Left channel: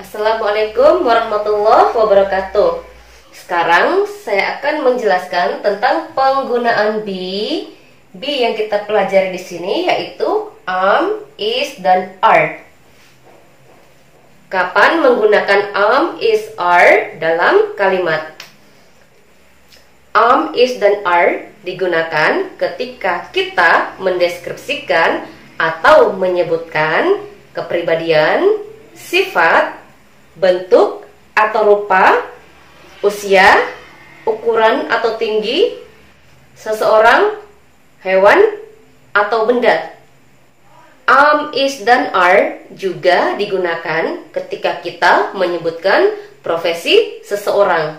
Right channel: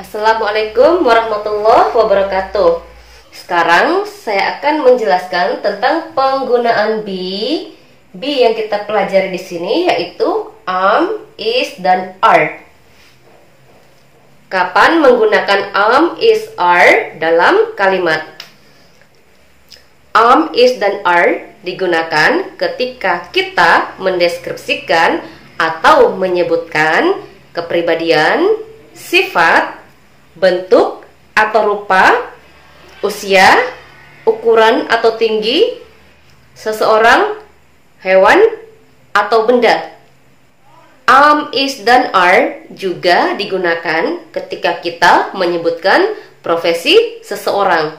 Assalamualaikum warahmatullahi wabarakatuh. Sekarang saya akan menjelaskan tentang penggunaan be. Be yang kita pelajari di sini yaitu am, is, dan are. Kapan menggunakan am, is, are dalam kalimat? Am, is, dan are digunakan ketika kita mendeskripsikan atau menyebutkan kepribadian, sifat, bentuk atau rupa, usia, ukuran atau tinggi seseorang, hewan, atau benda. Am, is, dan are juga digunakan ketika kita menyebutkan profesi seseorang.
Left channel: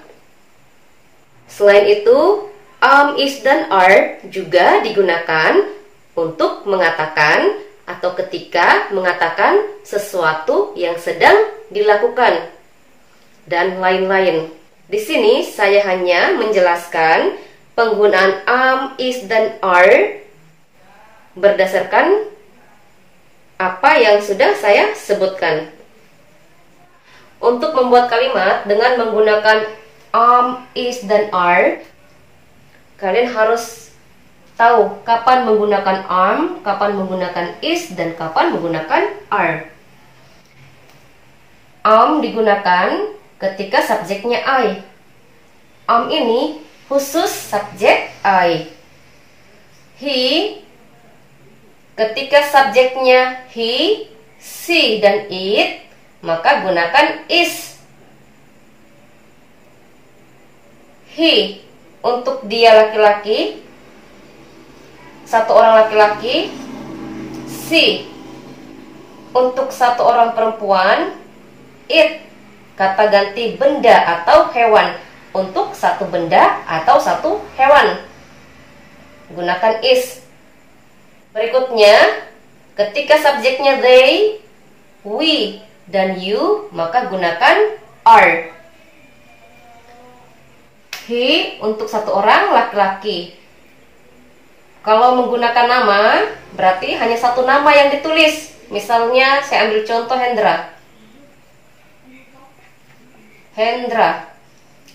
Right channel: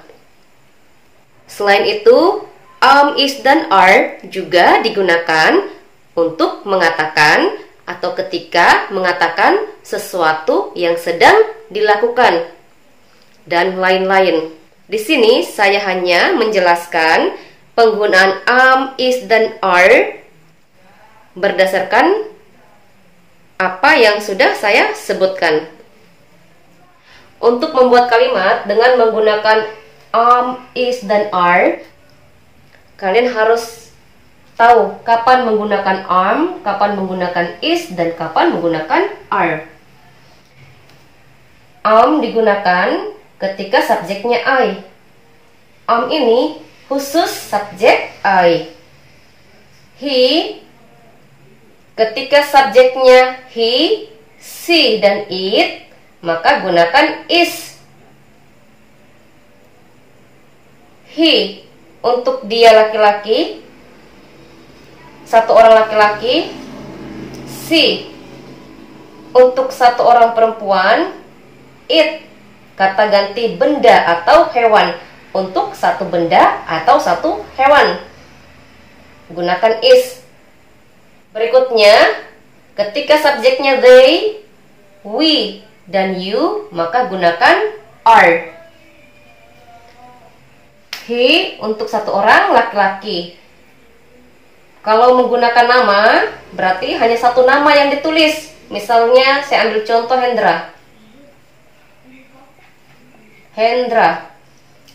Selain itu, am, is, dan are juga digunakan untuk mengatakan atau ketika mengatakan sesuatu yang sedang dilakukan dan lain-lain. Di sini saya hanya menjelaskan penggunaan am, is, dan are berdasarkan apa yang sudah saya sebutkan. Untuk membuat kalimat dengan menggunakan am, is, dan are, kalian harus tahu kapan menggunakan am, kapan menggunakan is, dan kapan menggunakan are. Am digunakan ketika subjeknya I. Am ini khusus subjek I. He ketika subjeknya he, she, dan it, maka gunakan is. He untuk dia laki-laki, satu orang laki-laki. She untuk satu orang perempuan. It kata ganti benda atau hewan untuk satu benda atau satu hewan, gunakan is. Berikutnya, ketika subjeknya they, we, dan you, maka gunakan are. He untuk satu orang laki-laki. Kalau menggunakan nama, berarti hanya satu nama yang ditulis. Misalnya, saya ambil contoh Hendra. Hendra,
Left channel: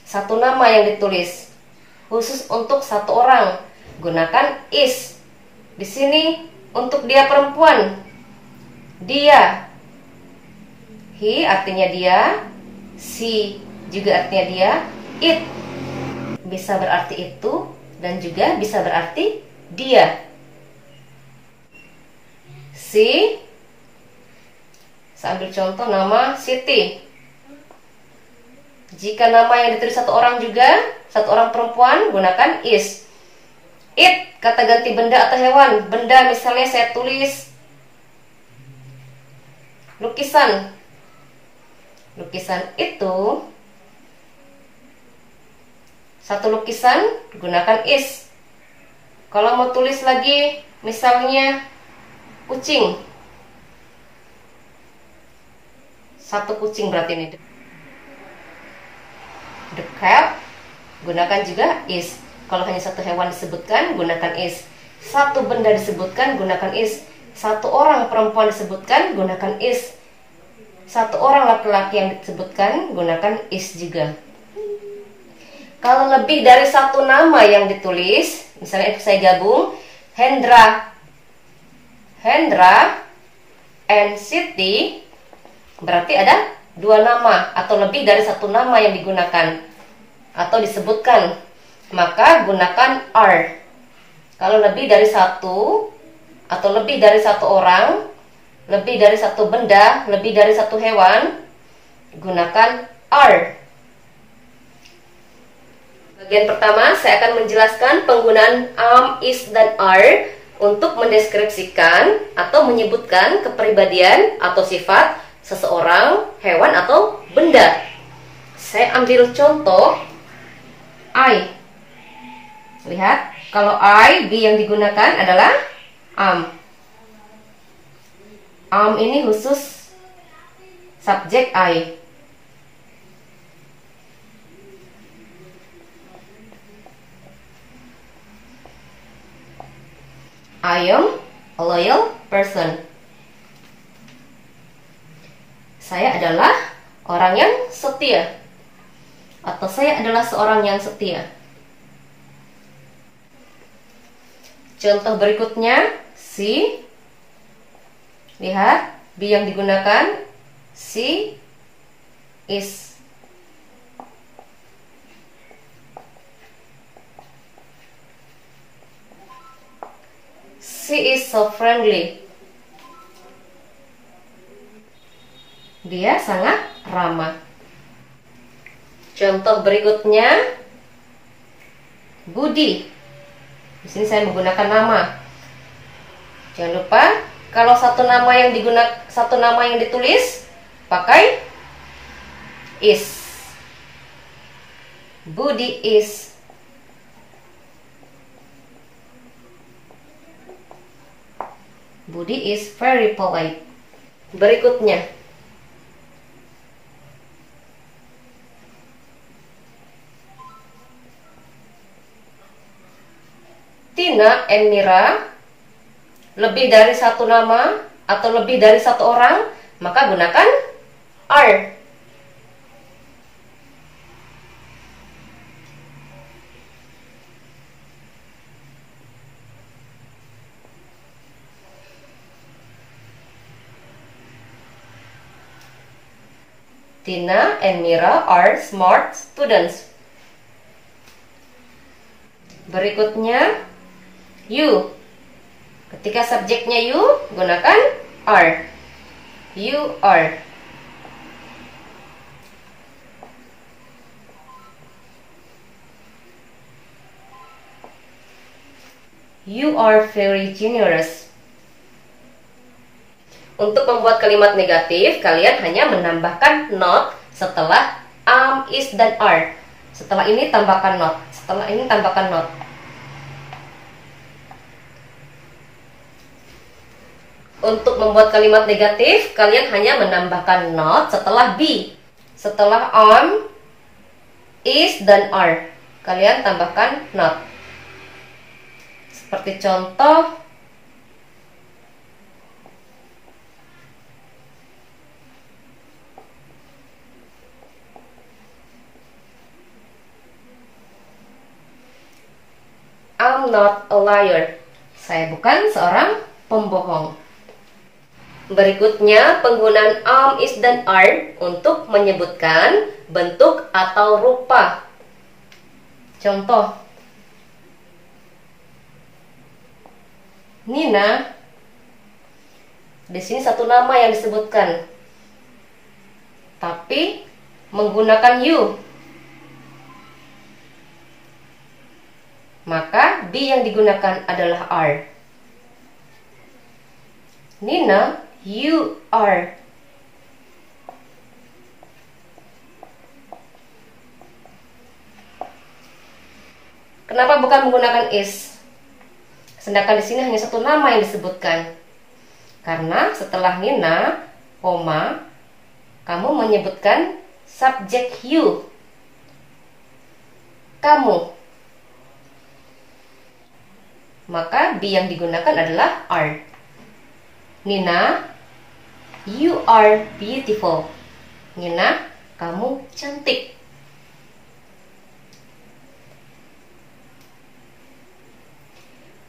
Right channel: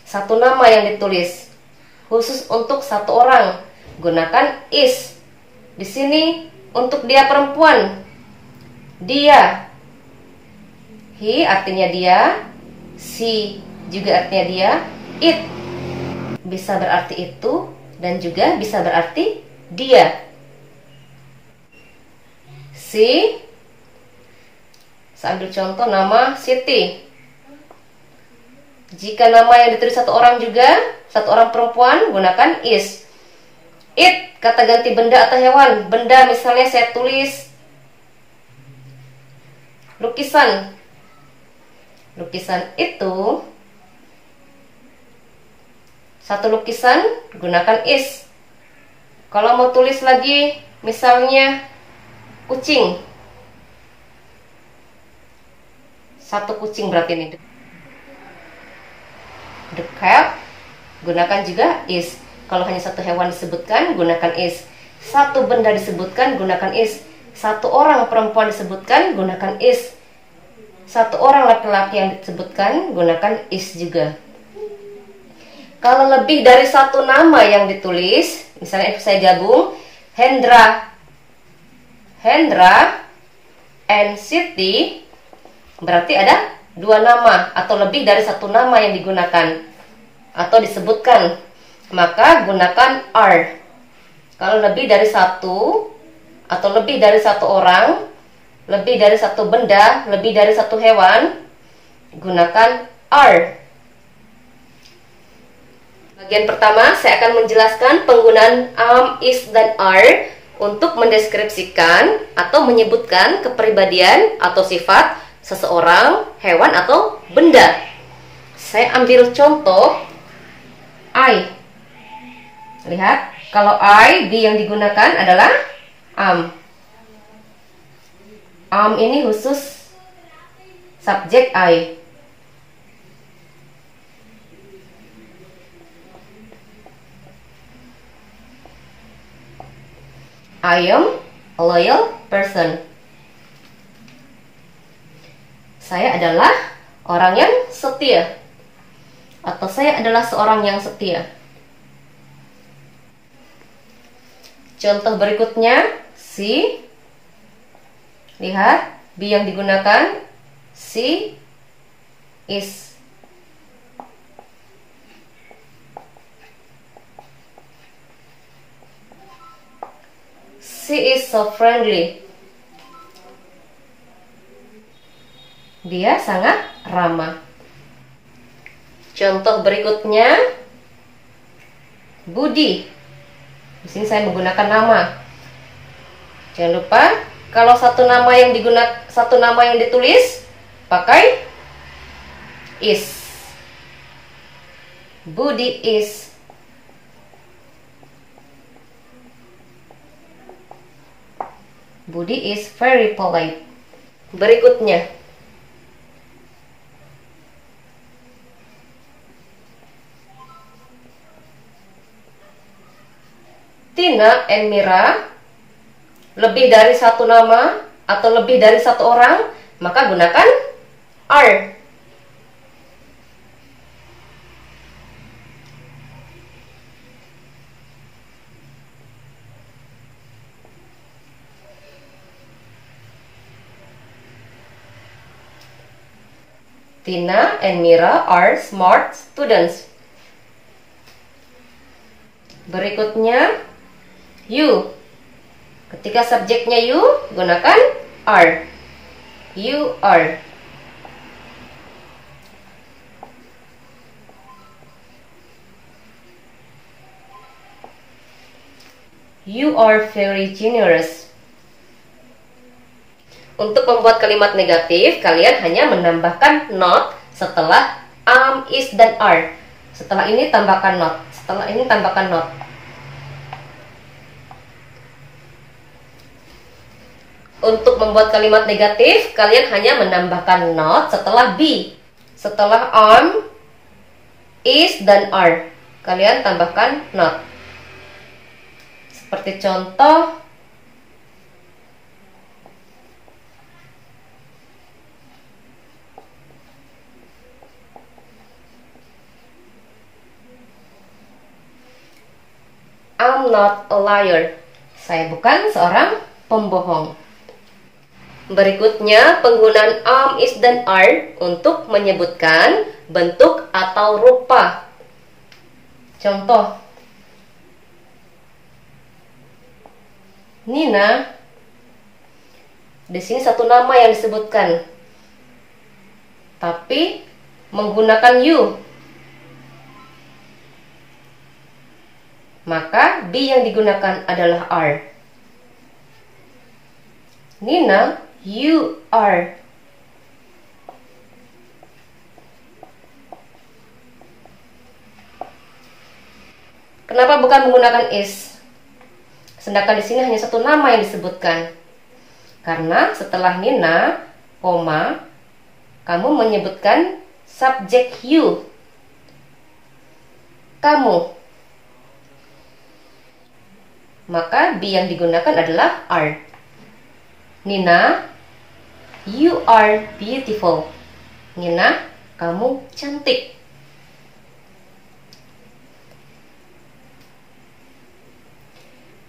satu nama yang ditulis. Khusus untuk satu orang, gunakan is. Di sini untuk dia perempuan, dia. He artinya dia, she juga artinya dia, it bisa berarti itu dan juga bisa berarti dia. Si, saya ambil contoh nama Siti. Jika nama yang ditulis satu orang juga, satu orang perempuan, gunakan is. It kata ganti benda atau hewan. Benda misalnya saya tulis lukisan. Lukisan itu satu lukisan, gunakan is. Kalau mau tulis lagi misalnya kucing, satu kucing berarti ini. The cat, gunakan juga is. Kalau hanya satu hewan disebutkan, gunakan is. Satu benda disebutkan, gunakan is. Satu orang perempuan disebutkan, gunakan is. Satu orang laki-laki yang disebutkan, gunakan is juga. Kalau lebih dari satu nama yang ditulis, misalnya saya gabung Hendra, Hendra and Siti, berarti ada dua nama atau lebih dari satu nama yang digunakan atau disebutkan, maka gunakan are. Kalau lebih dari satu atau lebih dari satu orang, lebih dari satu benda, lebih dari satu hewan, gunakan are. Bagian pertama saya akan menjelaskan penggunaan am, is, dan are untuk mendeskripsikan atau menyebutkan kepribadian atau sifat seseorang, hewan, atau benda. Saya ambil contoh I. Lihat, kalau I, be yang digunakan adalah am. Am ini khusus subjek I. I am a loyal person. Saya adalah orang yang setia. Atau saya adalah seorang yang setia. Contoh berikutnya, she. Lihat, be yang digunakan, she is. She is so friendly. Dia sangat ramah. Contoh berikutnya, Budi. Di sini saya menggunakan nama. Jangan lupa kalau satu nama yang ditulis pakai is. Budi is. Budi is very polite. Berikutnya, Tina and Mira lebih dari satu nama atau lebih dari satu orang, maka gunakan are. Tina and Mira are smart students. Berikutnya, you. Ketika subjeknya you, gunakan are. You are. You are very generous. Untuk membuat kalimat negatif, kalian hanya menambahkan not setelah am, is, dan are. Setelah ini tambahkan not. Setelah ini tambahkan not. Untuk membuat kalimat negatif, kalian hanya menambahkan not setelah be. Setelah am, is, dan are, kalian tambahkan not. Seperti contoh, I'm not a liar. Saya bukan seorang pembohong. Berikutnya, penggunaan am, is, dan are untuk menyebutkan bentuk atau rupa. Contoh, Nina. Di sini satu nama yang disebutkan, tapi menggunakan you. Maka be yang digunakan adalah are. Nina, you are. Kenapa bukan menggunakan is? Sedangkan di sini hanya satu nama yang disebutkan. Karena setelah Nina, koma, kamu menyebutkan subjek you. Kamu. Maka be yang digunakan adalah are. Nina, you are beautiful. Nina, kamu cantik.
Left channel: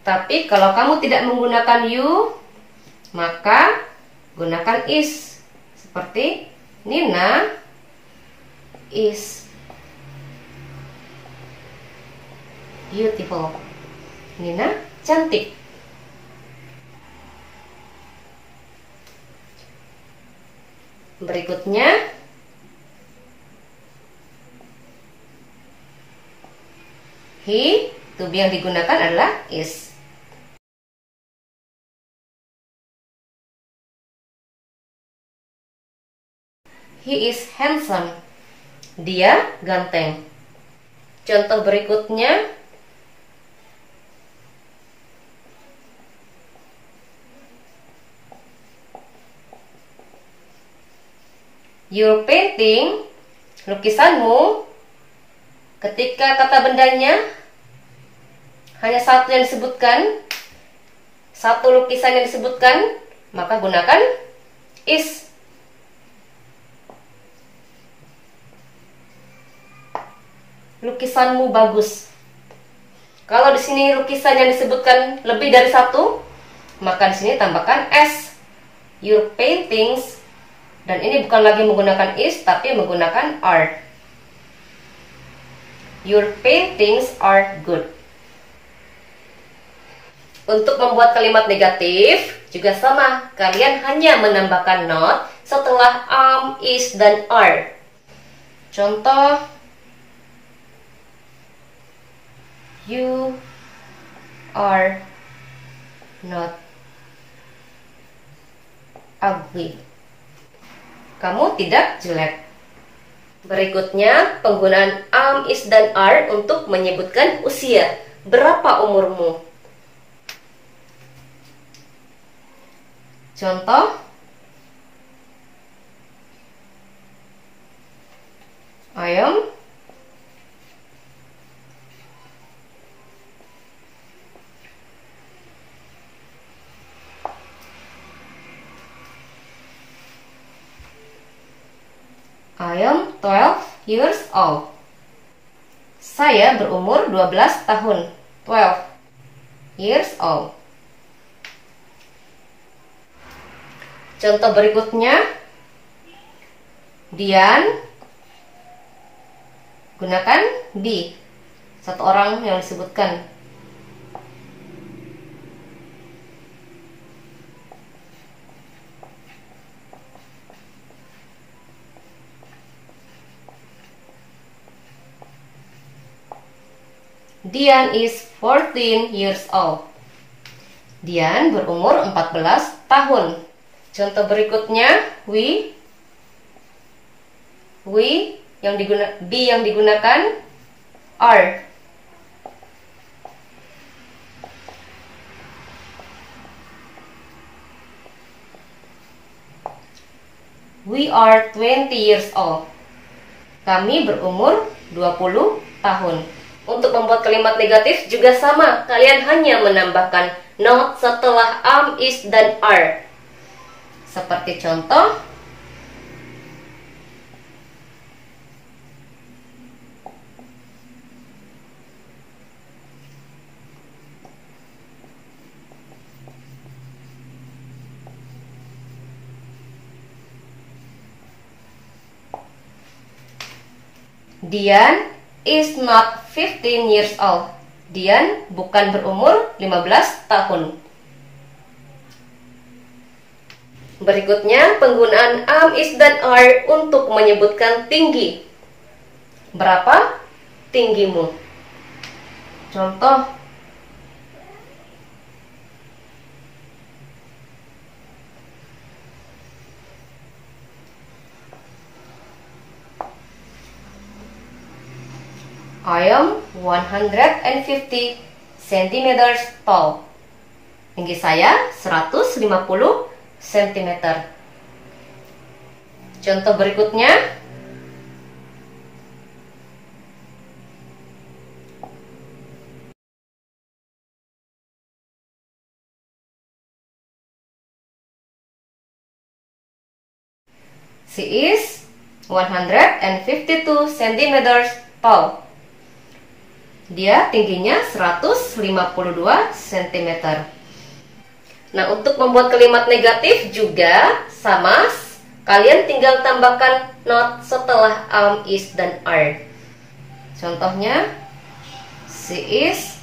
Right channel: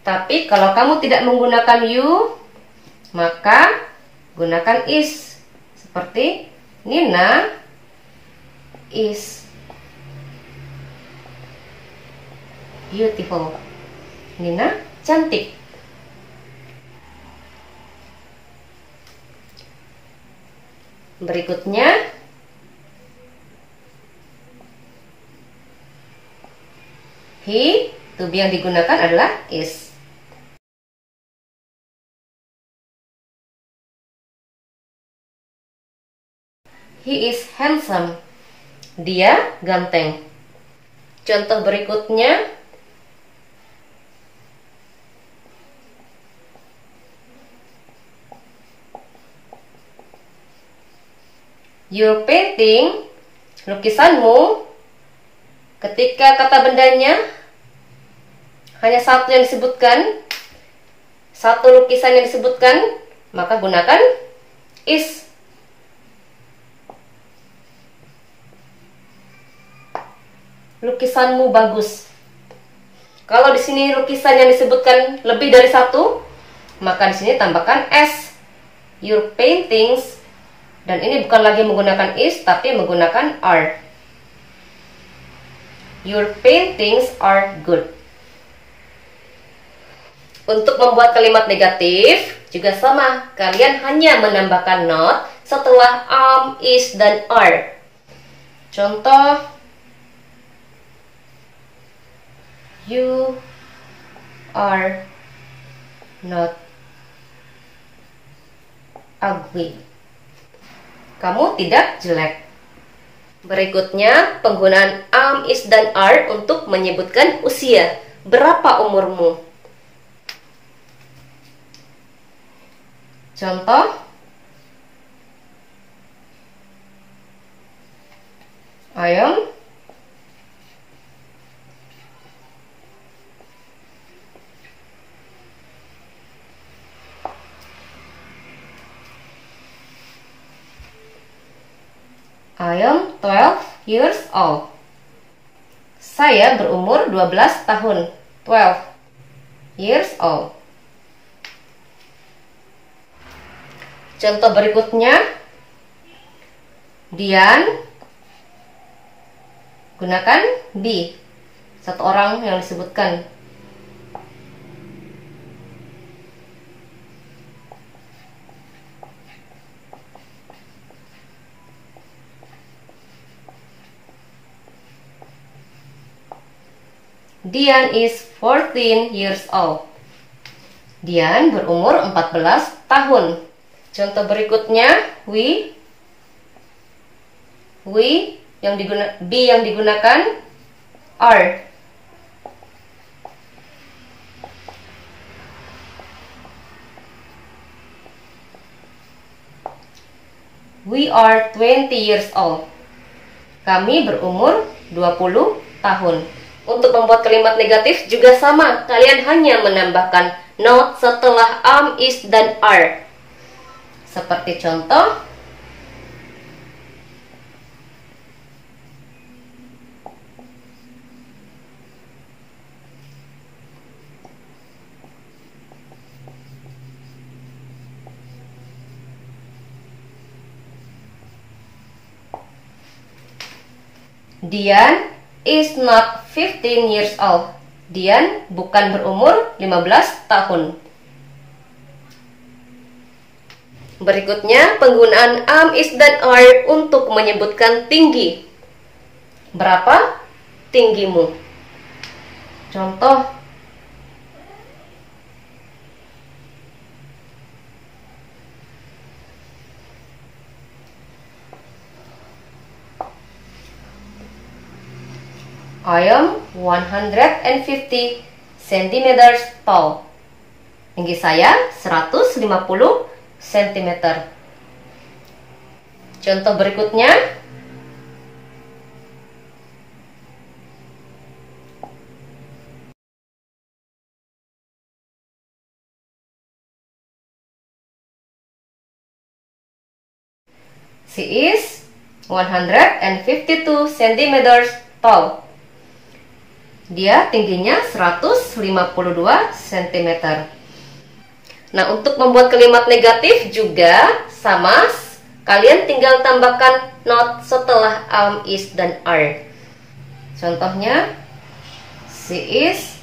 Tapi kalau kamu tidak menggunakan you, maka gunakan is. Seperti Nina is beautiful. Nina cantik. Berikutnya, he, to be yang digunakan adalah is. He is handsome. Dia ganteng. Contoh berikutnya, your painting, lukisanmu, ketika kata bendanya hanya satu yang disebutkan, satu lukisan yang disebutkan, maka gunakan is. lukisanmu bagus. Kalau di sini lukisan yang disebutkan lebih dari satu, maka di sini tambahkan s. Your paintings, dan ini bukan lagi menggunakan is tapi menggunakan are. Your paintings are good. Untuk membuat kalimat negatif juga sama, kalian hanya menambahkan not setelah is dan are. Contoh, you are not ugly. Kamu tidak jelek. Berikutnya, penggunaan is dan are untuk menyebutkan usia. Berapa umurmu? Contoh, I am 12 years old. Saya berumur 12 tahun. 12 years old. Contoh berikutnya, Dian, gunakan di, satu orang yang disebutkan. Dian is 14 years old. Dian berumur 14 tahun. Contoh berikutnya, we yang digunakan are. We are 20 years old. Kami berumur 20 tahun. Untuk membuat kalimat negatif juga sama, kalian hanya menambahkan not setelah is dan are. Seperti contoh, Dian is not 15 years old. Dian bukan berumur 15 tahun. Berikutnya, penggunaan is dan are untuk menyebutkan tinggi. Berapa tinggimu? Contoh, I am 150 centimeters tall. Tinggi saya 150 cm. Contoh berikutnya, she is 152 centimeters tall. Dia tingginya 152 cm. Nah, untuk membuat kalimat negatif juga sama, kalian tinggal tambahkan not setelah is dan are. Contohnya, she is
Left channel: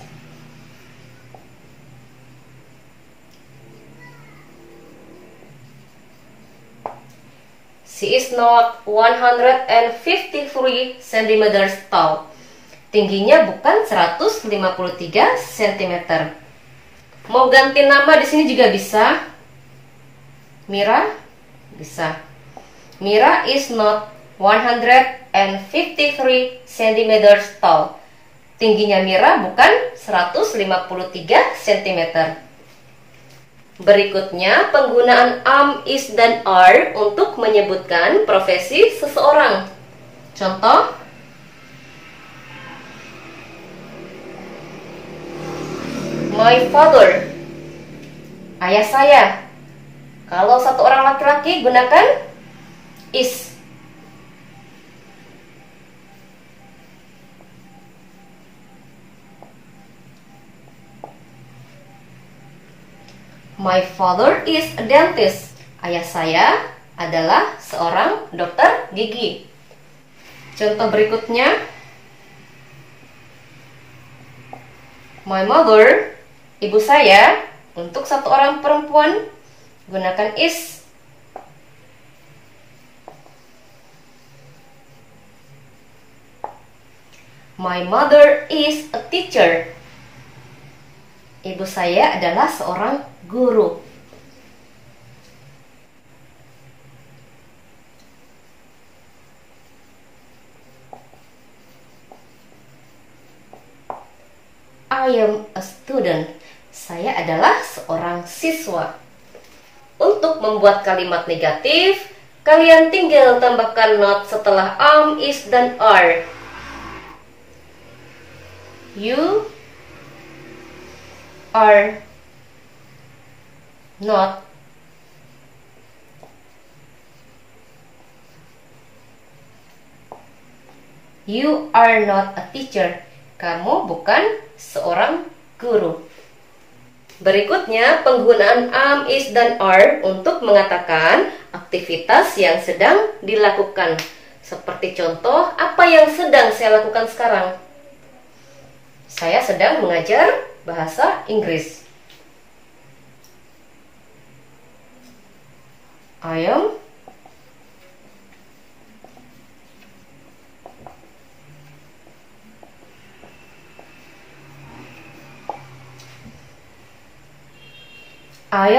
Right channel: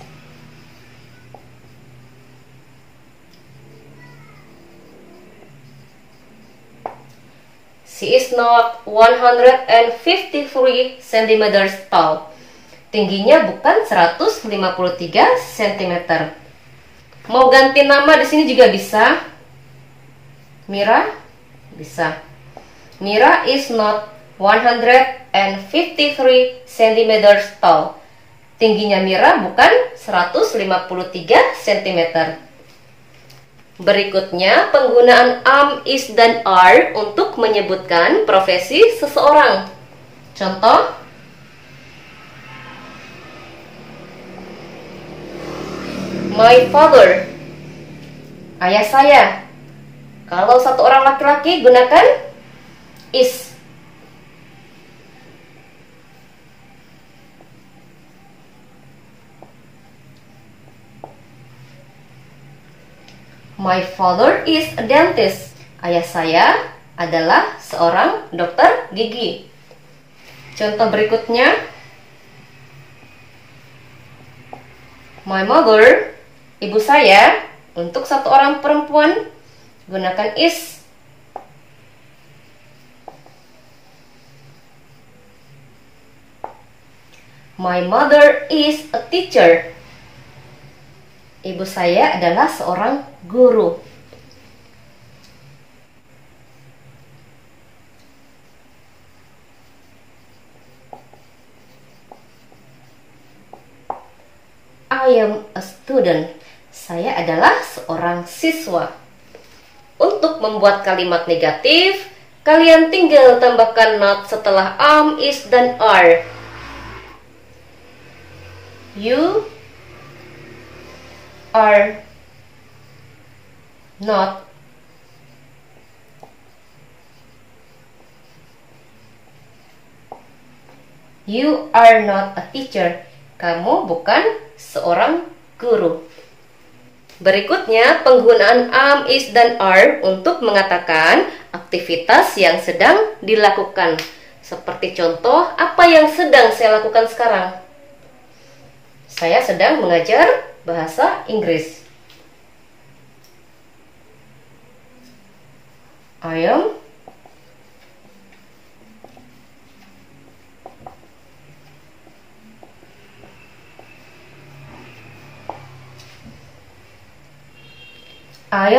not 153 cm tall. Tingginya bukan 153 cm. Mau ganti nama di sini juga bisa. Mira bisa. Mira is not 153 cm tall. Tingginya Mira bukan 153 cm. Berikutnya, penggunaan is dan are untuk menyebutkan profesi seseorang. Contoh, my father, ayah saya. Kalau satu orang laki-laki, gunakan is. My father is a dentist. Ayah saya adalah seorang dokter gigi. Contoh berikutnya, my mother, ibu saya. Untuk satu orang perempuan, gunakan is. My mother is a teacher. Ibu saya adalah seorang guru. I am a student. Saya adalah seorang siswa. Untuk membuat kalimat negatif, kalian tinggal tambahkan not setelah am, is, dan are. You are not a teacher. Kamu bukan seorang guru. Berikutnya, penggunaan am, is, dan are untuk mengatakan aktivitas yang sedang dilakukan. Seperti contoh, apa yang sedang saya lakukan sekarang? Saya sedang mengajar bahasa Inggris. I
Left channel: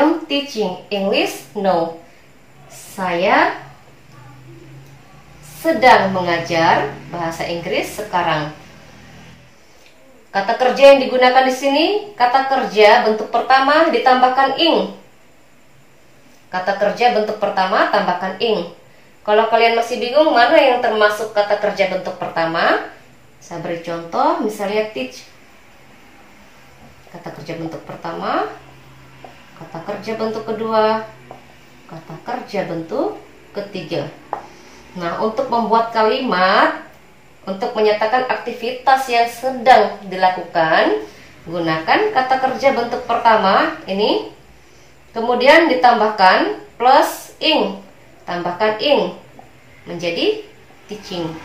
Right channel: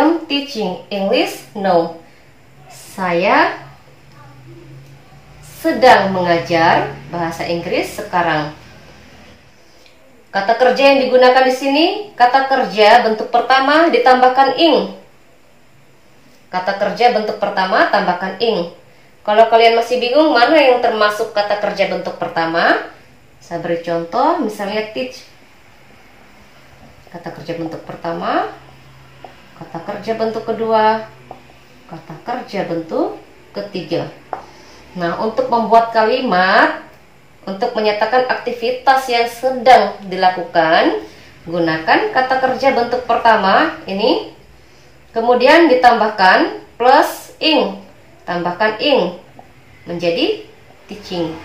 am teaching English now. Saya sedang mengajar bahasa Inggris sekarang. Kata kerja yang digunakan di sini, kata kerja bentuk pertama ditambahkan ing. Kata kerja bentuk pertama tambahkan ing. Kalau kalian masih bingung mana yang termasuk kata kerja bentuk pertama, saya beri contoh, misalnya teach. Kata kerja bentuk pertama, kata kerja bentuk kedua, kata kerja bentuk ketiga. Nah, untuk membuat kalimat, untuk menyatakan aktivitas yang sedang dilakukan, gunakan kata kerja bentuk pertama ini, kemudian ditambahkan plus ing, tambahkan ing, menjadi teaching.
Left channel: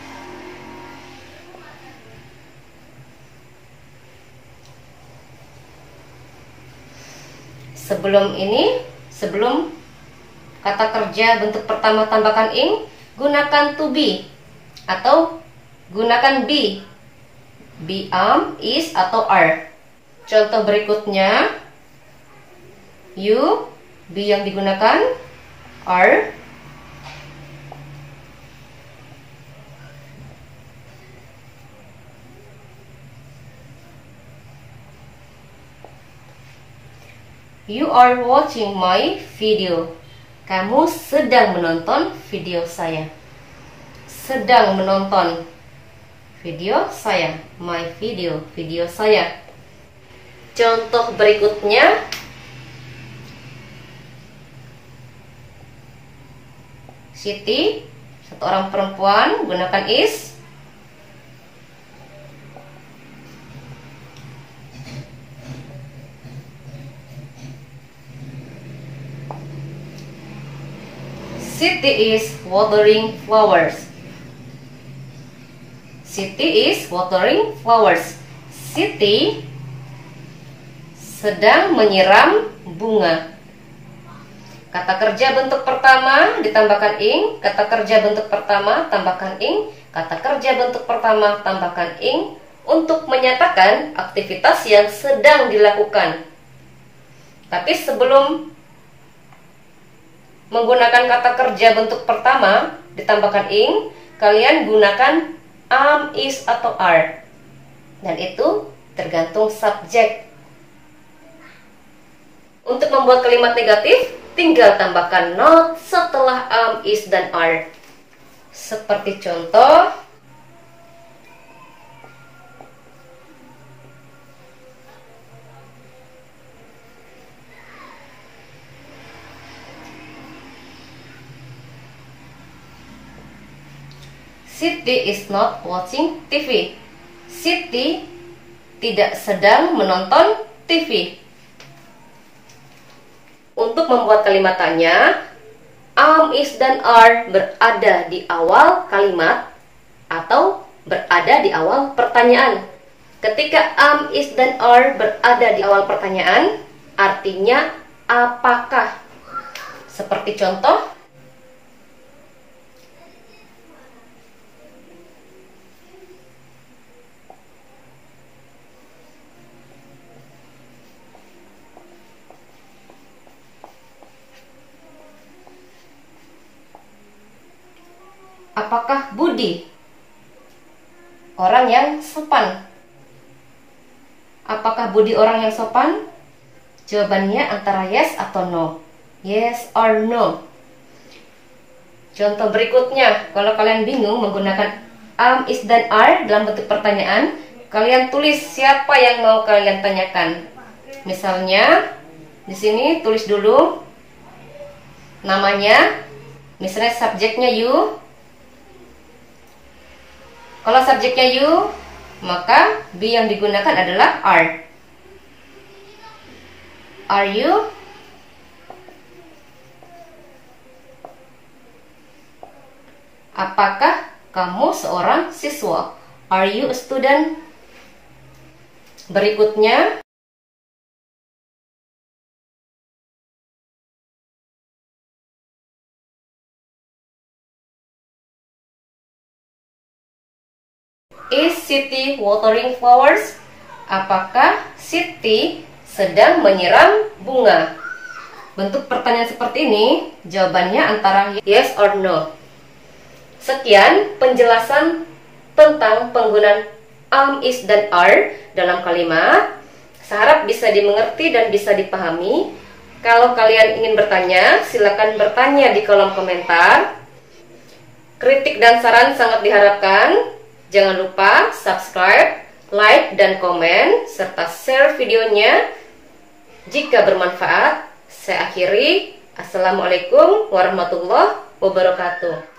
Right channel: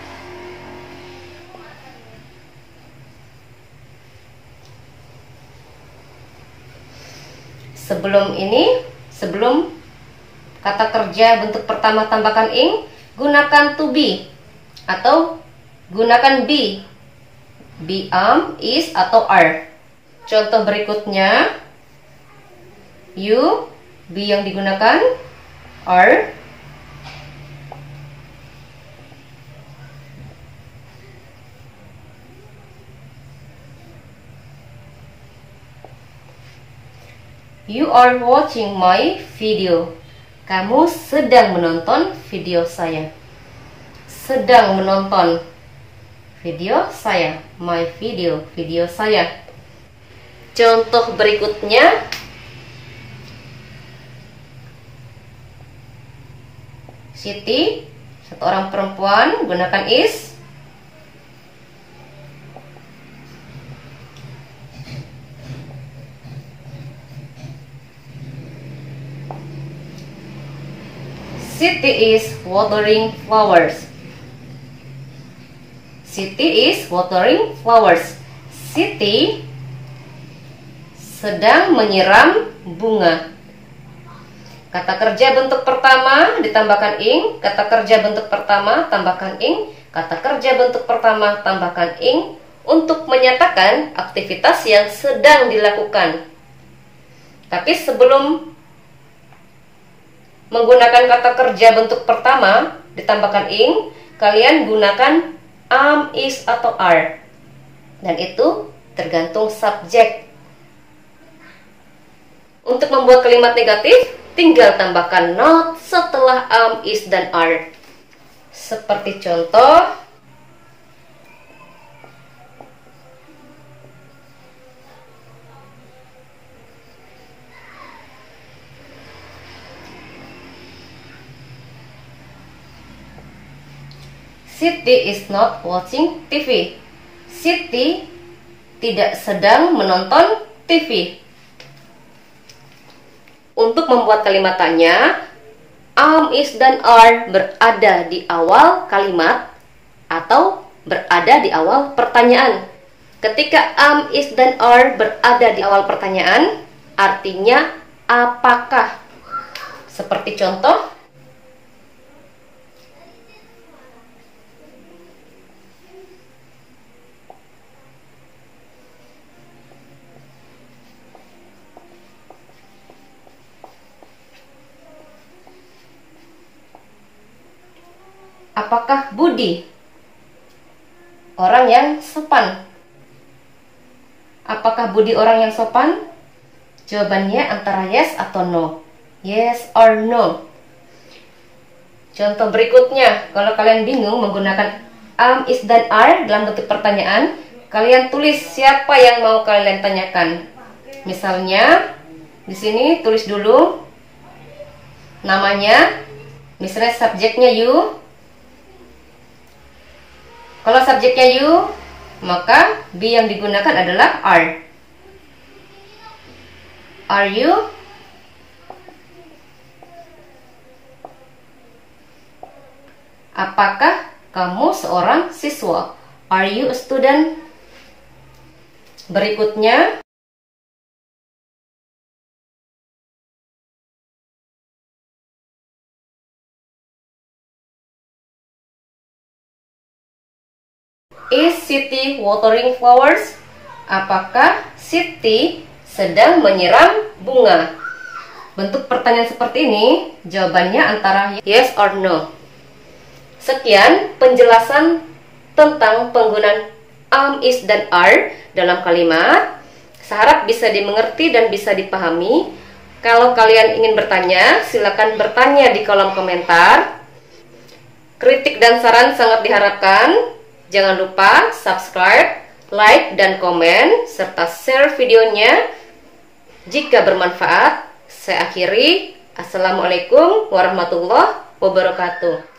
Sebelum kata kerja bentuk pertama tambahkan ing, gunakan to be atau gunakan be. Be, am, is, atau are. Contoh berikutnya, you, be yang digunakan, are. You are watching my video. Kamu sedang menonton video saya. Sedang menonton video saya, my video, video saya. Contoh berikutnya, Siti, satu orang perempuan, gunakan is. Siti is watering flowers. Siti is watering flowers. Siti sedang menyiram bunga. Kata kerja bentuk pertama ditambahkan ing, kata kerja bentuk pertama tambahkan ing, kata kerja bentuk pertama tambahkan ing untuk menyatakan aktivitas yang sedang dilakukan. Tapi sebelum menggunakan kata kerja bentuk pertama ditambahkan ing, kalian gunakan am, is, atau are. Dan itu tergantung subjek. Untuk membuat kalimat negatif, tinggal tambahkan not setelah am, is, dan are. Seperti contoh, Siti is not watching TV. Siti tidak sedang menonton TV. Untuk membuat kalimat tanya, am, is, dan are berada di awal kalimat atau berada di awal pertanyaan. Ketika am, is, dan are berada di awal pertanyaan, artinya apakah. Seperti contoh, apakah Budi orang yang sopan? Apakah Budi orang yang sopan? Jawabannya antara yes atau no. Yes or no. Contoh berikutnya, kalau kalian bingung menggunakan am, is, dan are dalam bentuk pertanyaan, kalian tulis siapa yang mau kalian tanyakan. Misalnya, di sini tulis dulu namanya. Misalnya subjeknya you. Kalau subjeknya you, maka be yang digunakan adalah are. Are you? Apakah kamu seorang siswa? Are you a student? Berikutnya, is Siti watering flowers? Apakah Siti sedang menyiram bunga? Bentuk pertanyaan seperti ini, jawabannya antara yes or no. Sekian penjelasan tentang penggunaan am, is, dan are dalam kalimat. Saya harap bisa dimengerti dan bisa dipahami. Kalau kalian ingin bertanya, silakan bertanya di kolom komentar. Kritik dan saran sangat diharapkan. Jangan lupa subscribe, like, dan komen, serta share videonya jika bermanfaat. Saya akhiri. Assalamualaikum warahmatullahi wabarakatuh.